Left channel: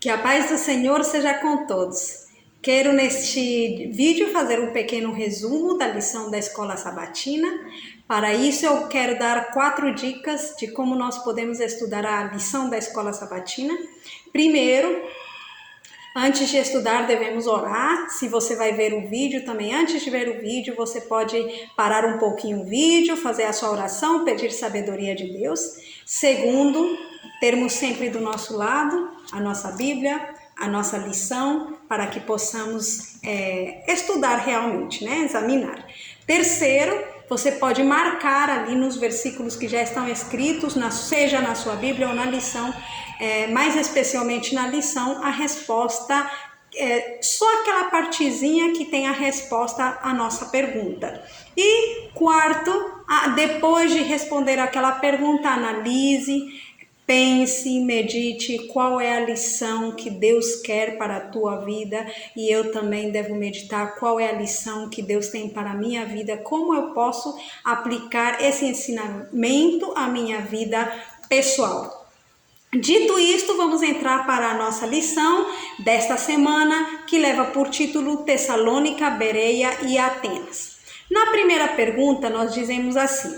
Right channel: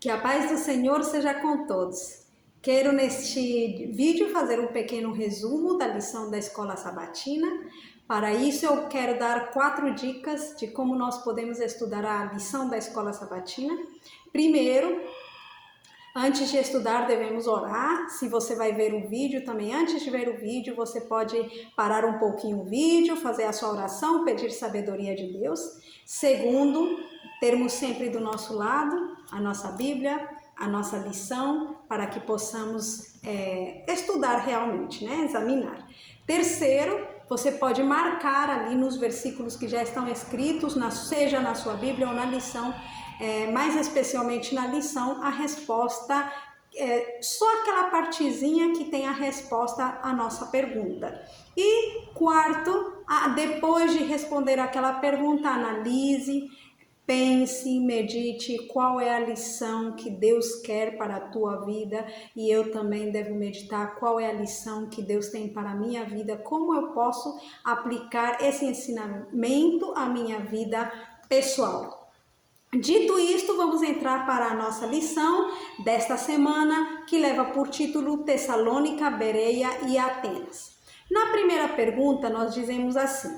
Que a paz do Senhor seja com todos. Quero neste vídeo fazer um pequeno resumo da lição da Escola Sabatina. Para isso eu quero dar 4 dicas de como nós podemos estudar a lição da Escola Sabatina. Primeiro, antes de estudar devemos orar. Se você vai ver o vídeo também, antes de ver o vídeo, você pode parar um pouquinho o vídeo, fazer a sua oração, pedir sabedoria de Deus. Segundo, termos sempre do nosso lado a nossa Bíblia, a nossa lição, para que possamos estudar realmente, examinar. Terceiro, você pode marcar ali nos versículos que já estão escritos, seja na sua Bíblia ou na lição, mais especialmente na lição, a resposta, só aquela partezinha que tem a resposta à nossa pergunta. E quarto, depois de responder aquela pergunta, analise, pense, medite qual é a lição que Deus quer para a tua vida, e eu também devo meditar qual é a lição que Deus tem para a minha vida, como eu posso aplicar esse ensinamento à minha vida pessoal. Dito isto, vamos entrar para a nossa lição desta semana, que leva por título Tessalônica, Bereia e Atenas. Na primeira pergunta, nós dizemos assim:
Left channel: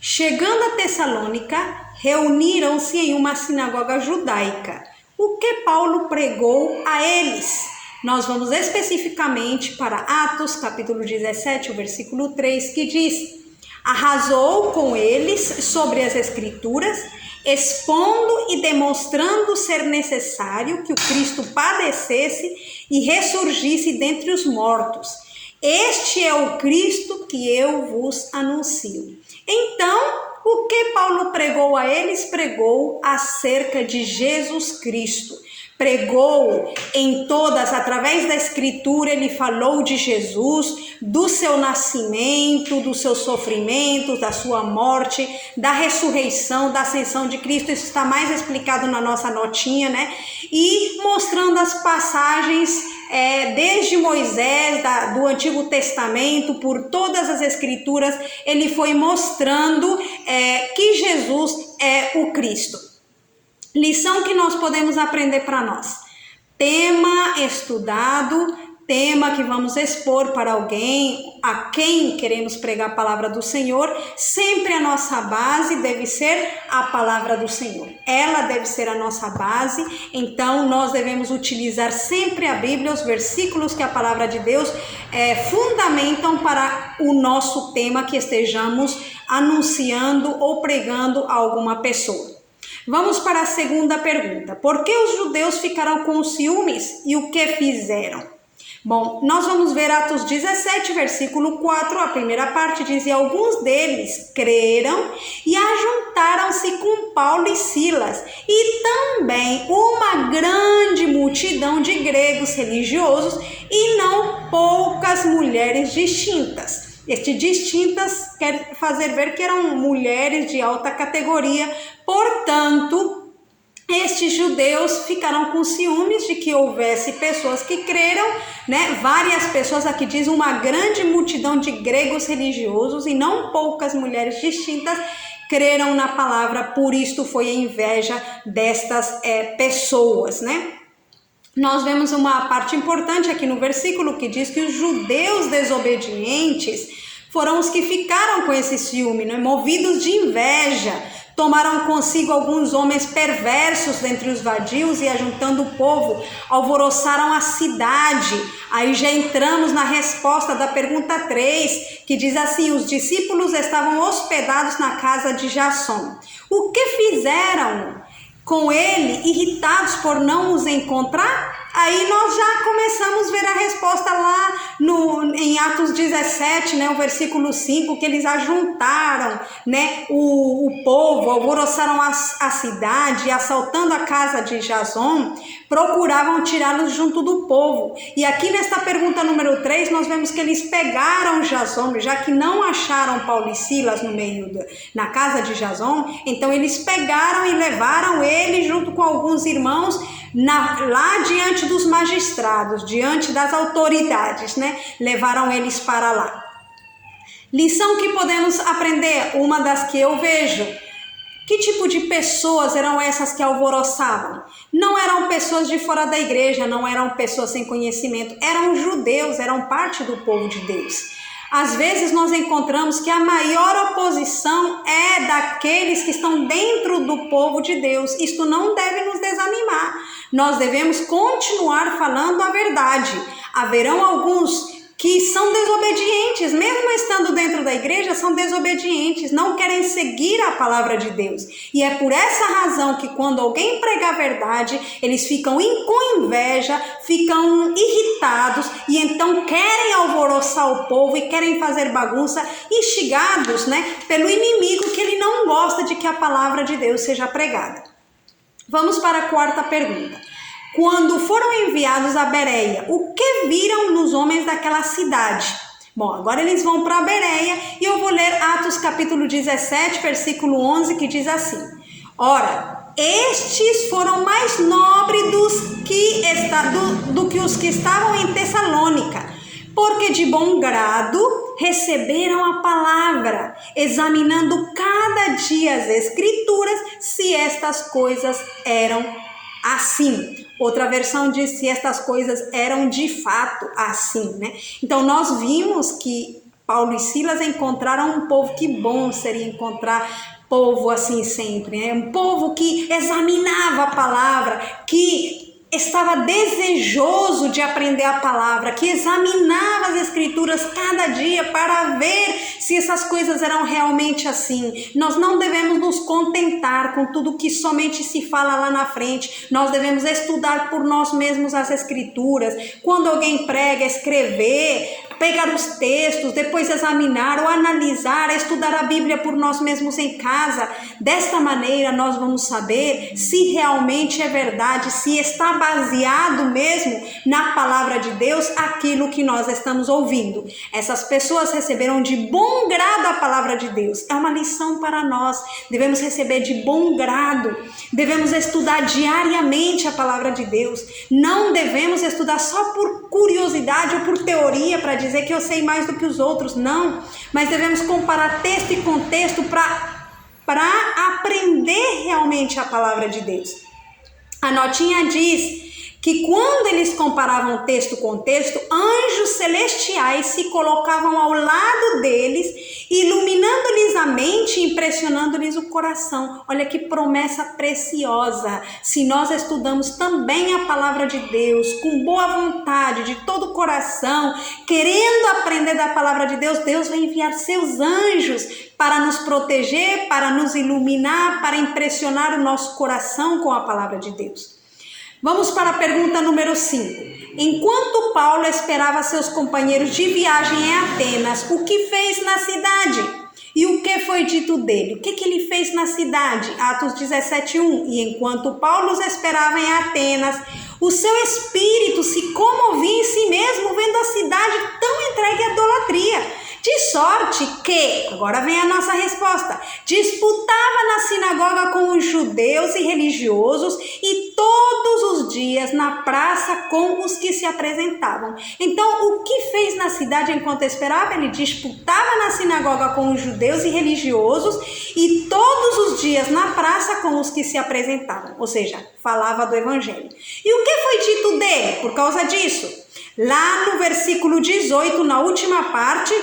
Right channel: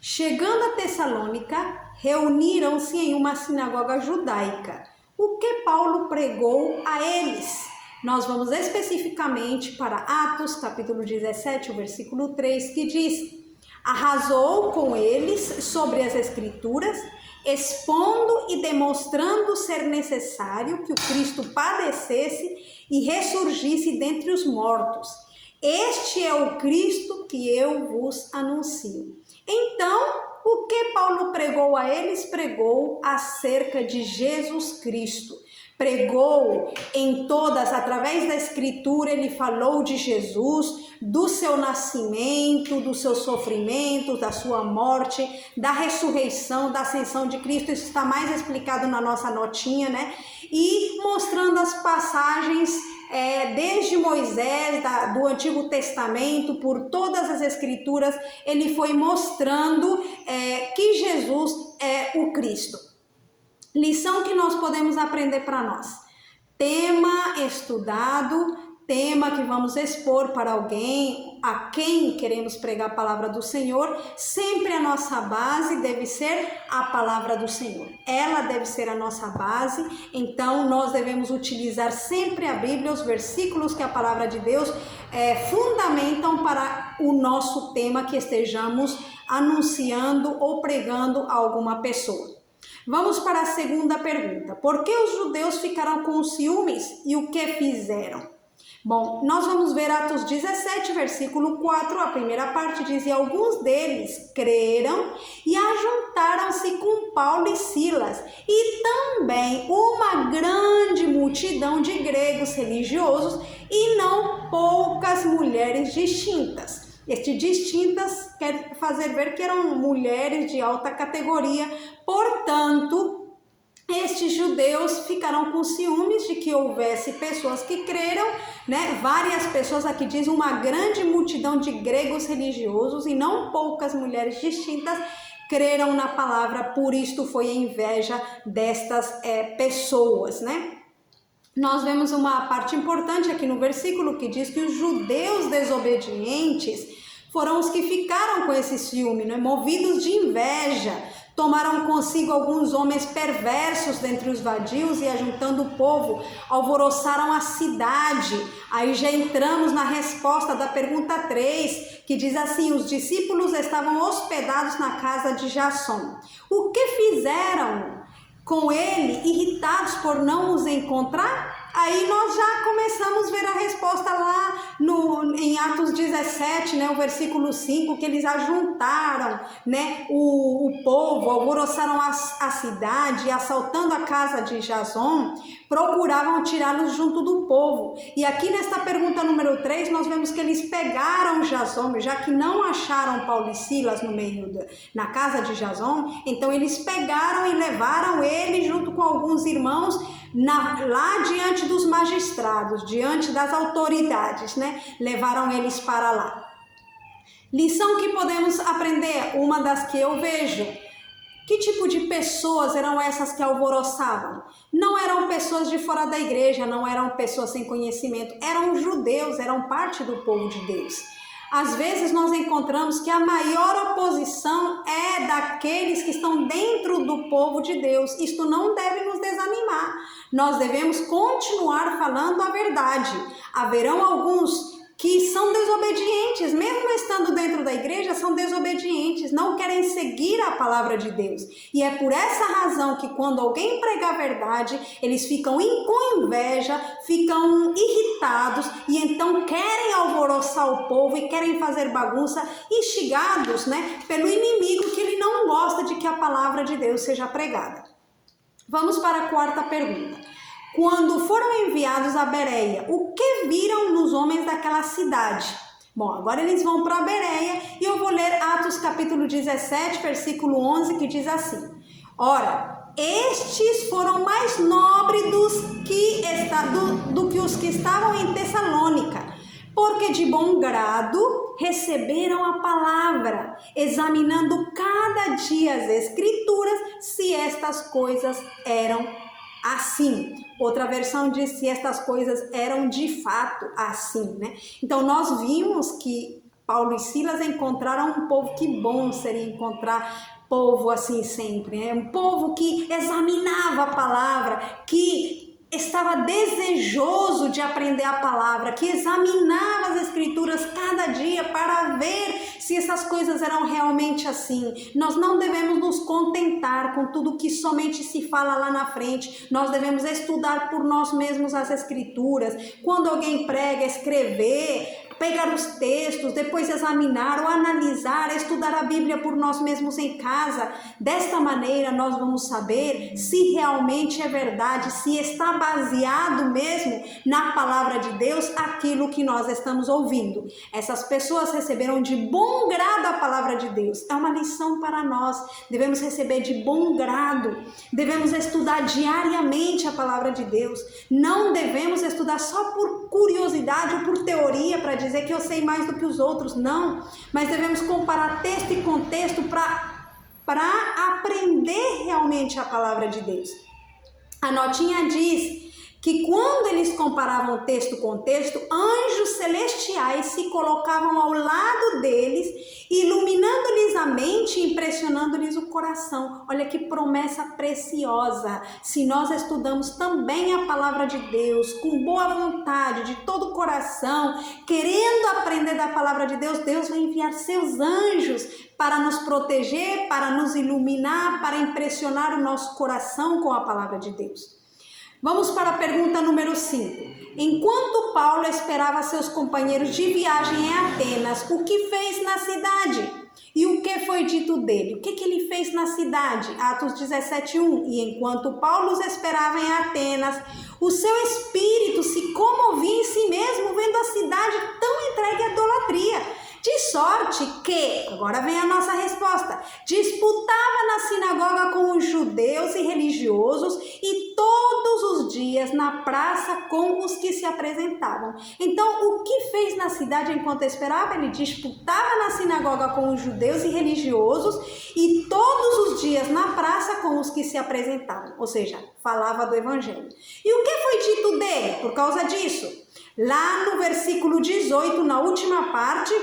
chegando a Tessalônica, reuniram-se em uma sinagoga judaica. O que Paulo pregou a eles? Nós vamos especificamente para Atos, capítulo 17, o versículo 3, que diz: arrasou com eles sobre as Escrituras, expondo e demonstrando ser necessário que o Cristo padecesse e ressurgisse dentre os mortos. Este é o Cristo que eu vos anuncio. Então, o que Paulo pregou a eles? Pregou acerca de Jesus Cristo. Pregou em todas, através da Escritura, ele falou de Jesus, do seu nascimento, do seu sofrimento, da sua morte, da ressurreição, da ascensão de Cristo. Isso está mais explicado na nossa notinha, E mostrando as passagens desde Moisés, do Antigo Testamento, por todas as Escrituras, ele foi mostrando que Jesus é o Cristo. Lição que nós podemos aprender para nós. Tema estudado, tema que vamos expor para alguém, a quem queremos pregar a palavra do Senhor. Sempre a nossa base deve ser a palavra do Senhor. Ela deve ser a nossa base, então nós devemos utilizar sempre a Bíblia, os versículos que a palavra de Deus fundamentam para o nosso tema que estejamos anunciando ou pregando a alguma pessoa. Vamos para a segunda pergunta. Por que os judeus ficaram com ciúmes e o que fizeram? Bom, nós vamos ver Atos 17, versículo 4, a primeira parte diz: e alguns deles creram e ajuntaram-se com Paulo e Silas, e também uma grande multidão de gregos religiosos e não poucas mulheres distintas. Este distintas quer fazer ver que eram mulheres de alta categoria, portanto, estes judeus ficaram com ciúmes de que houvesse pessoas que creram, Várias pessoas, aqui diz uma grande multidão de gregos religiosos e não poucas mulheres distintas creram na palavra, por isto foi a inveja destas pessoas, Nós vemos uma parte importante aqui no versículo que diz que os judeus desobedientes foram os que ficaram com esse ciúme, movidos de inveja. Tomaram consigo alguns homens perversos dentre os vadios e, ajuntando o povo, alvoroçaram a cidade. Aí já entramos na resposta da pergunta 3, que diz assim: os discípulos estavam hospedados na casa de Jasson. O que fizeram com ele, irritados por não os encontrar? Aí nós já começamos a ver a resposta lá em Atos 17, o versículo 5, que eles ajuntaram, o povo, alvoroçaram a cidade, assaltando a casa de Jasson, procuravam tirá-los junto do povo. E aqui nesta pergunta número 3, nós vemos que eles pegaram Jasson, já que não acharam Paulo e Silas na casa de Jasson, então eles pegaram e levaram ele junto com alguns irmãos lá diante dos magistrados, diante das autoridades, levaram eles para lá. Lição que podemos aprender, uma das que eu vejo, Que tipo de pessoas eram essas que alvoroçavam? Não eram pessoas de fora da igreja, não eram pessoas sem conhecimento, eram judeus, eram parte do povo de Deus. Às vezes nós encontramos que a maior oposição é daqueles que estão dentro do povo de Deus. Isto não deve nos desanimar. Nós devemos continuar falando a verdade. Haverão alguns que são desobedientes, mesmo estando dentro da igreja, são desobedientes, não querem seguir a palavra de Deus. E é por essa razão que quando alguém prega a verdade, eles ficam com inveja, ficam irritados e então querem alvoroçar o povo e querem fazer bagunça, instigados, pelo inimigo, que ele não gosta de que a palavra de Deus seja pregada. Vamos para a quarta pergunta. Quando foram enviados a Bereia, o que viram nos homens daquela cidade? Bom, agora eles vão para Bereia e eu vou ler Atos capítulo 17, versículo 11, que diz assim: Ora, estes foram mais nobres do que os que estavam em Tessalônica, porque de bom grado receberam a palavra, examinando cada dia as Escrituras, se estas coisas eram assim. Outra versão diz se estas coisas eram de fato assim, Então nós vimos que Paulo e Silas encontraram um povo. Que bom seria encontrar povo assim sempre, Um povo que examinava a palavra, que estava desejoso de aprender a palavra, que examinava as Escrituras cada dia para ver se essas coisas eram realmente assim. Nós não devemos nos contentar com tudo que somente se fala lá na frente. Nós devemos estudar por nós mesmos as Escrituras. Quando alguém prega, escrever, pegar os textos, depois examinar ou analisar, estudar a Bíblia por nós mesmos em casa. Desta maneira nós vamos saber se realmente é verdade, se está baseado mesmo na palavra de Deus aquilo que nós estamos ouvindo. Essas pessoas receberam de bom grado a palavra de Deus. É uma lição para nós. Devemos receber de bom grado. Devemos estudar diariamente a palavra de Deus. Não devemos estudar só por curiosidade ou por teoria para dizer que eu sei mais do que os outros. Não. Mas devemos comparar texto e contexto para aprender realmente a palavra de Deus. A notinha diz que quando eles comparavam texto com texto, anjos celestiais se colocavam ao lado deles, iluminando-lhes a mente, impressionando-lhes o coração. Olha que promessa preciosa! Se nós estudamos também a palavra de Deus com boa vontade, de todo o coração, querendo aprender da palavra de Deus, Deus vai enviar seus anjos para nos proteger, para nos iluminar, para impressionar o nosso coração com a palavra de Deus. Vamos para a pergunta número 5. Enquanto Paulo esperava seus companheiros de viagem em Atenas, o que fez na cidade? E o que foi dito dele? O que ele fez na cidade? Atos 17:1. E enquanto Paulo os esperava em Atenas, o seu espírito se comovia em si mesmo, vendo a cidade tão entregue à idolatria. De sorte que, agora vem a nossa resposta, disputava na sinagoga com os judeus e religiosos e todos os dias na praça com os que se apresentavam. Então, o que fez na cidade enquanto esperava? Ele disputava na sinagoga com os judeus e religiosos e todos os dias na praça com os que se apresentavam. Ou seja, falava do evangelho. E o que foi dito dele por causa disso? Lá no versículo 18, na última parte,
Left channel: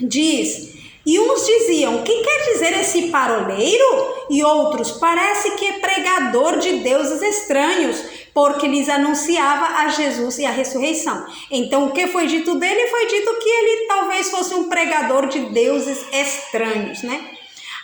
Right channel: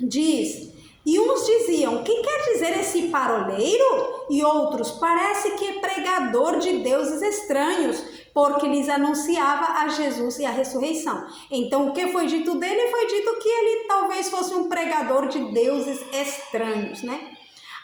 diz: e uns diziam, que quer dizer esse paroleiro? E outros, parece que é pregador de deuses estranhos, porque lhes anunciava a Jesus e a ressurreição. Então, o que foi dito dele? Foi dito que ele talvez fosse um pregador de deuses estranhos,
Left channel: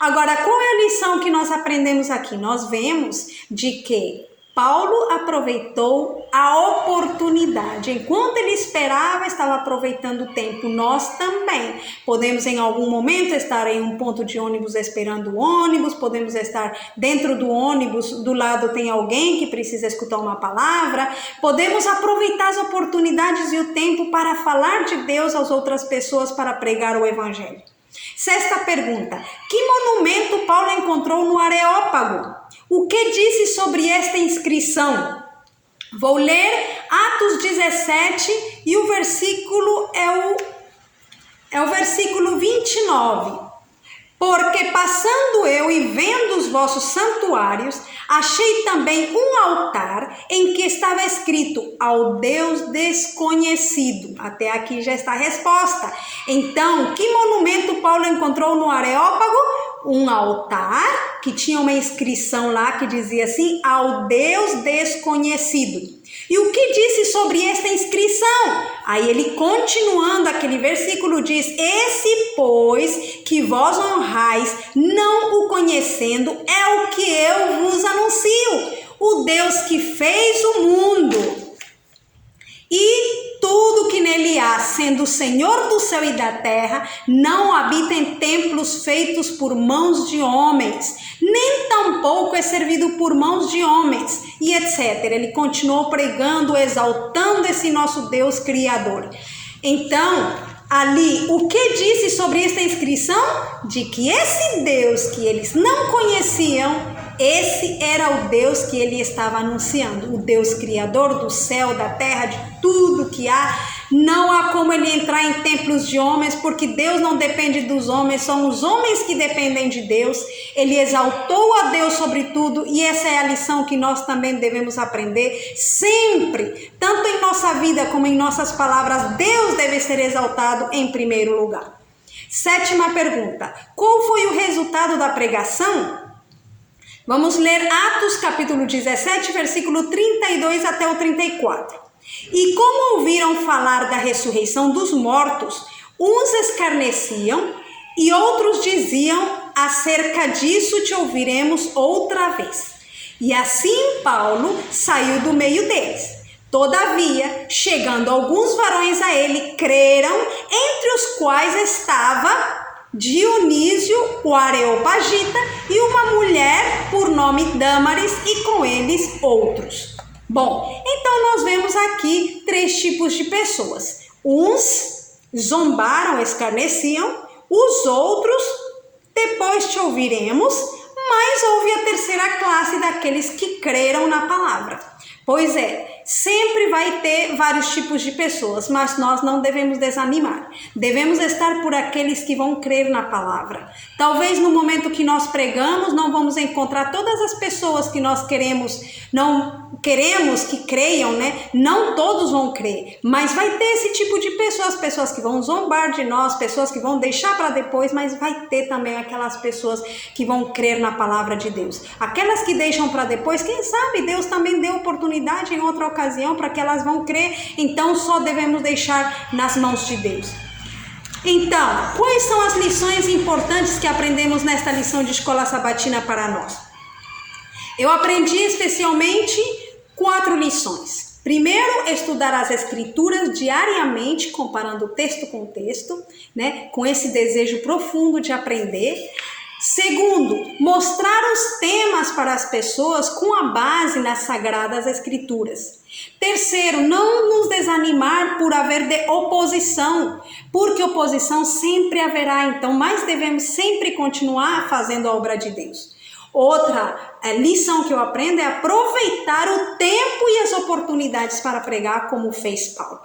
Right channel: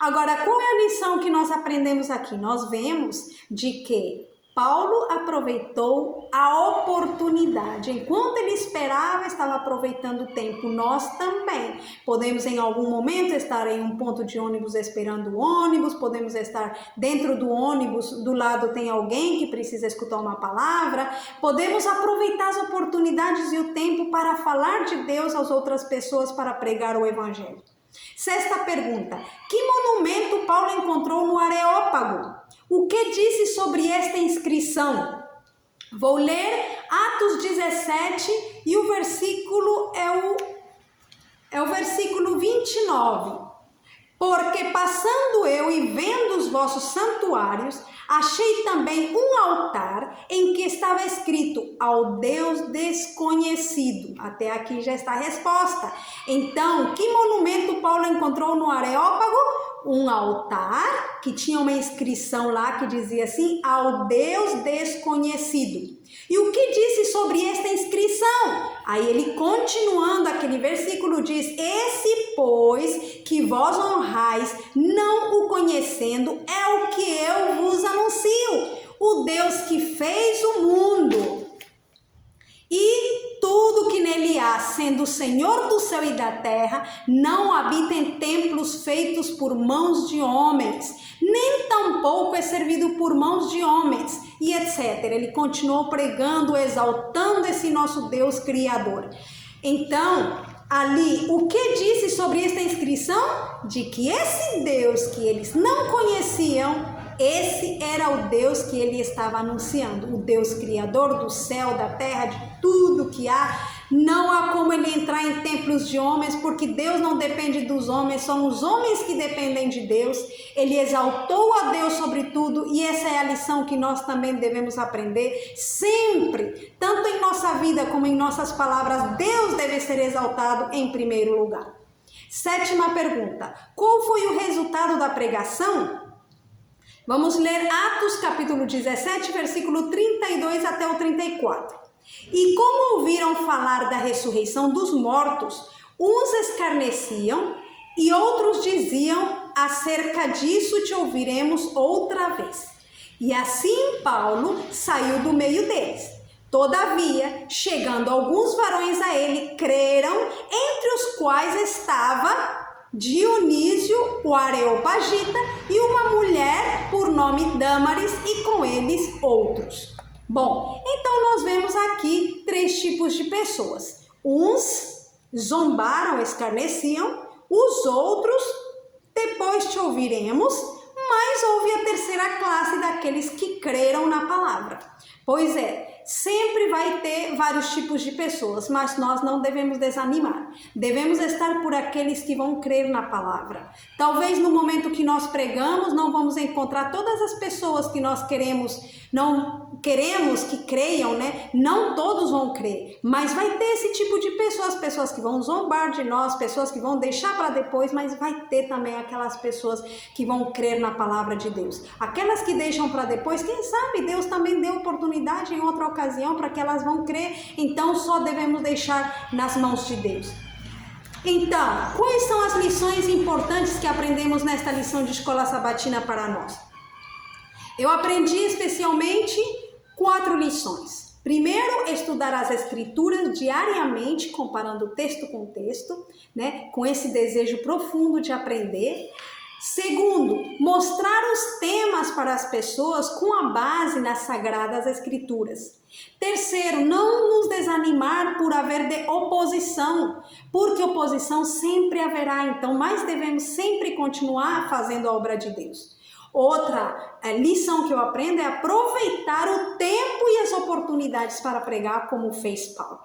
Agora, qual é a lição que nós aprendemos aqui? Nós vemos de que Paulo aproveitou a oportunidade. Enquanto ele esperava, estava aproveitando o tempo. Nós também podemos em algum momento estar em um ponto de ônibus esperando o ônibus, podemos estar dentro do ônibus, do lado tem alguém que precisa escutar uma palavra. Podemos aproveitar as oportunidades e o tempo para falar de Deus às outras pessoas, para pregar o evangelho. Sexta pergunta: que monumento Paulo encontrou no Areópago? O que disse sobre esta inscrição? Vou ler Atos 17 e o versículo é o versículo 29. Porque passando eu e vendo os vossos santuários, achei também um altar em que estava escrito ao Deus desconhecido. Até aqui já está a resposta. Então, que monumento Paulo encontrou no Areópago? Um altar que tinha uma inscrição lá que dizia assim, ao Deus desconhecido. E o que disse sobre esta inscrição? Aí ele, continuando aquele versículo, diz: esse, pois, que vós honrais, não o conhecendo, é o que eu vos anuncio. O Deus que fez o mundo e tudo que nele há, sendo o Senhor do céu e da terra, não habita em templos feitos por mãos de homens, nem tampouco é servido por mãos de homens, e etc. Ele continuou pregando, exaltando esse nosso Deus Criador. Então, ali, o que disse sobre esta inscrição? De que esse Deus que eles não conheciam, esse era o Deus que ele estava anunciando, o Deus Criador do céu, da terra, de tudo que há. Não há como ele entrar em templos de homens, porque Deus não depende dos homens, são os homens que dependem de Deus. Ele exaltou a Deus sobre tudo, e essa é a lição que nós também devemos aprender sempre, tanto em nossa vida como em nossas palavras. Deus deve ser exaltado em primeiro lugar. 7ª pergunta: qual foi o resultado da pregação? Vamos ler Atos capítulo 17, versículo 32 até o 34. E como ouviram falar da ressurreição dos mortos, uns escarneciam e outros diziam: acerca disso te ouviremos outra vez. E assim Paulo saiu do meio deles. Todavia, chegando alguns varões a ele, creram, entre os quais estava Dionísio, o Areopagita, e uma mulher por nome Dâmaris, e com eles outros. Bom, então nós vemos aqui 3 tipos de pessoas. Uns zombaram, escarneciam, os outros, depois te ouviremos, mas houve a terceira classe daqueles que creram na palavra. Pois é, sempre vai ter vários tipos de pessoas, mas nós não devemos desanimar. Devemos estar por aqueles que vão crer na palavra. Talvez no momento que nós pregamos, não vamos encontrar todas as pessoas que nós não queremos que creiam, né? Não todos vão crer, mas vai ter esse tipo de pessoas, pessoas que vão zombar de nós, pessoas que vão deixar para depois, mas vai ter também aquelas pessoas que vão crer na palavra de Deus. Aquelas que deixam para depois, quem sabe Deus também deu oportunidade em outra ocasião para que elas vão crer, então só devemos deixar nas mãos de Deus. Então, quais são as lições importantes que aprendemos nesta lição de escola sabatina para nós? Eu aprendi especialmente 4 lições. Primeiro, estudar as escrituras diariamente, comparando texto com texto, né, com esse desejo profundo de aprender. Segundo, mostrar os temas para as pessoas com a base nas sagradas escrituras. Terceiro, não nos desanimar por haver oposição, porque oposição sempre haverá, então, mas devemos sempre continuar fazendo a obra de Deus. Outra lição que eu aprendo é aproveitar o tempo e as oportunidades para pregar, como fez Paulo.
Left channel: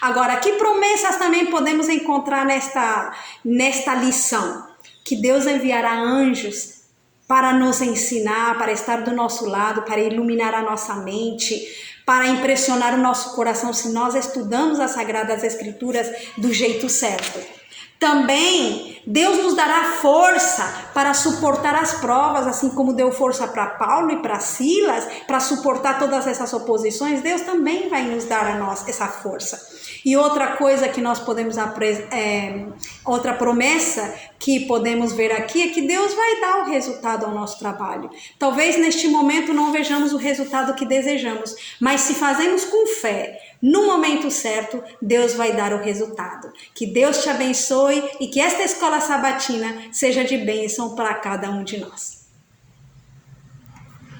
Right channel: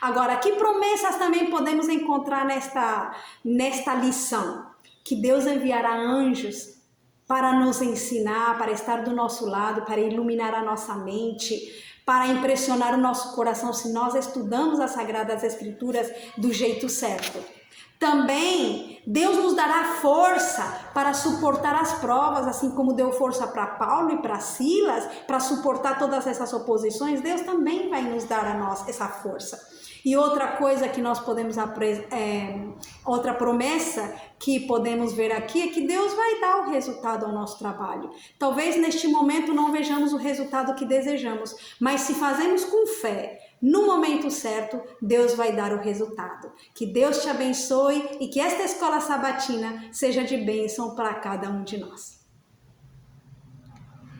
Agora, que promessas também podemos encontrar nesta lição? Que Deus enviará anjos para nos ensinar, para estar do nosso lado, para iluminar a nossa mente, para impressionar o nosso coração se nós estudamos as Sagradas Escrituras do jeito certo. Também Deus nos dará força para suportar as provas, assim como deu força para Paulo e para Silas, para suportar todas essas oposições. Deus também vai nos dar a nós essa força. E outra coisa que nós podemos outra promessa que podemos ver aqui é que Deus vai dar o resultado ao nosso trabalho. Talvez neste momento não vejamos o resultado que desejamos, mas se fazemos com fé, no momento certo, Deus vai dar o resultado. Que Deus te abençoe e que esta escola sabatina seja de bênção para cada um de nós.